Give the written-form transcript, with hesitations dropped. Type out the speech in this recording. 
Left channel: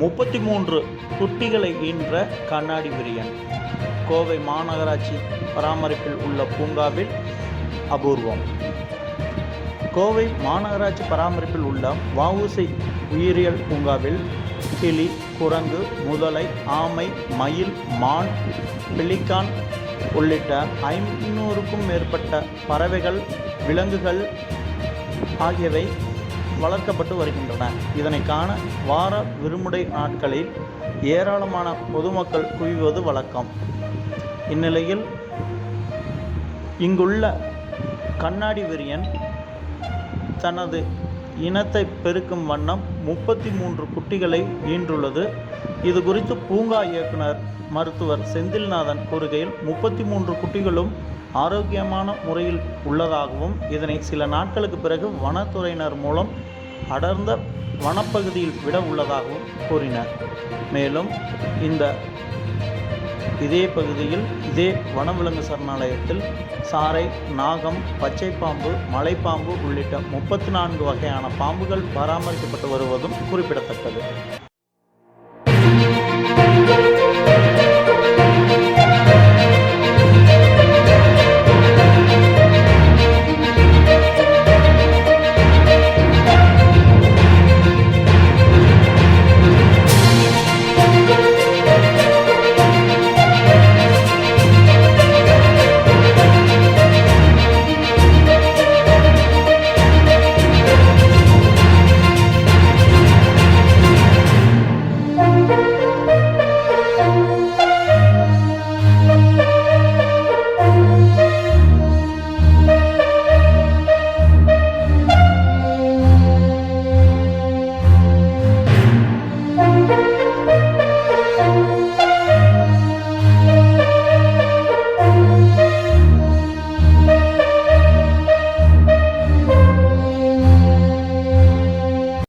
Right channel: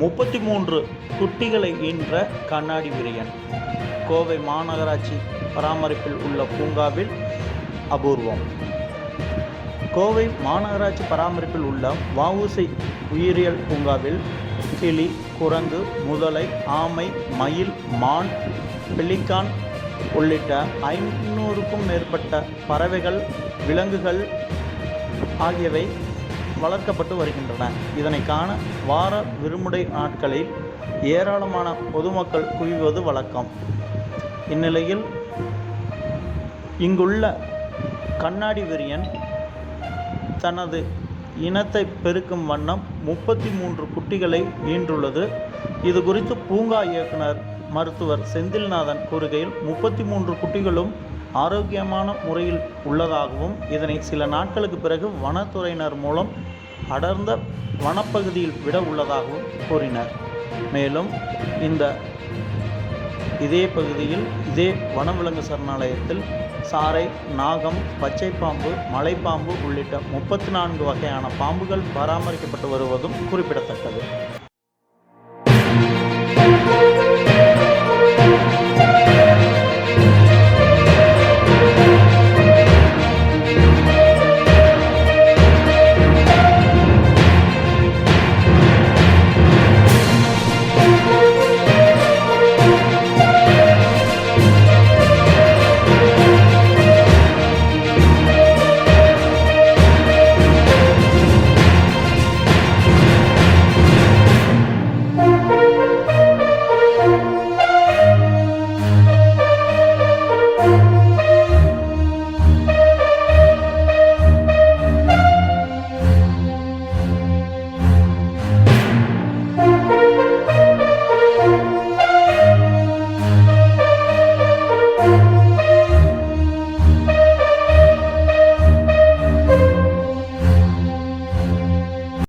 33 குட்டிகளை ஈன்ற கண்ணாடி விரியன் கோவை மாநகராட்சி பராமரிப்பில் உள்ள பூங்காவில் அபூர்வம். கோவை மாநகராட்சி பராமரிப்பில் உள்ள வஉசி உயிரியல் பூங்காவில் கிளி, குரங்கு, முதலை, ஆமை, மயில், மான், பெலிகான் உள்ளிட்ட 500க்கும் மேற்பட்ட பறவைகள், விலங்குகள் ஆகியவை வளர்க்கப்பட்டு வருகின்றன. இதனை காண வார விடுமுறை நாட்களில் ஏராளமான பொதுமக்கள் குவிவது வழக்கம். இந்நிலையில் இங்குள்ள கண்ணாடி விரியன் தனது இனத்தை பெருக்கும் வண்ணம் 33 குட்டிகளை ஈன்றுள்ளது. இது குறித்து பூங்கா இயக்குனர் மருத்துவர் செந்தில்நாதன் கூறுகையில், 33 குட்டிகளும் ஆரோக்கியமான முறையில் உள்ளதாகவும், இதனை சில நாட்களுக்கு பிறகு வனத்துறையினர் மூலம் அடர்ந்த வனப்பகுதியில் விட உள்ளதாகவும் கூறினர். மேலும் இதே பகுதியில் இதே வனவிலங்கு சரணாலயத்தில் சாரை, நாகம், பச்சைப்பாம்பு, மலைப்பாம்பு உள்ளிட்ட 34 வகையான பாம்புகள் பராமரிக்கப்பட்டு வருவதும் குறிப்பிடத்தக்கது.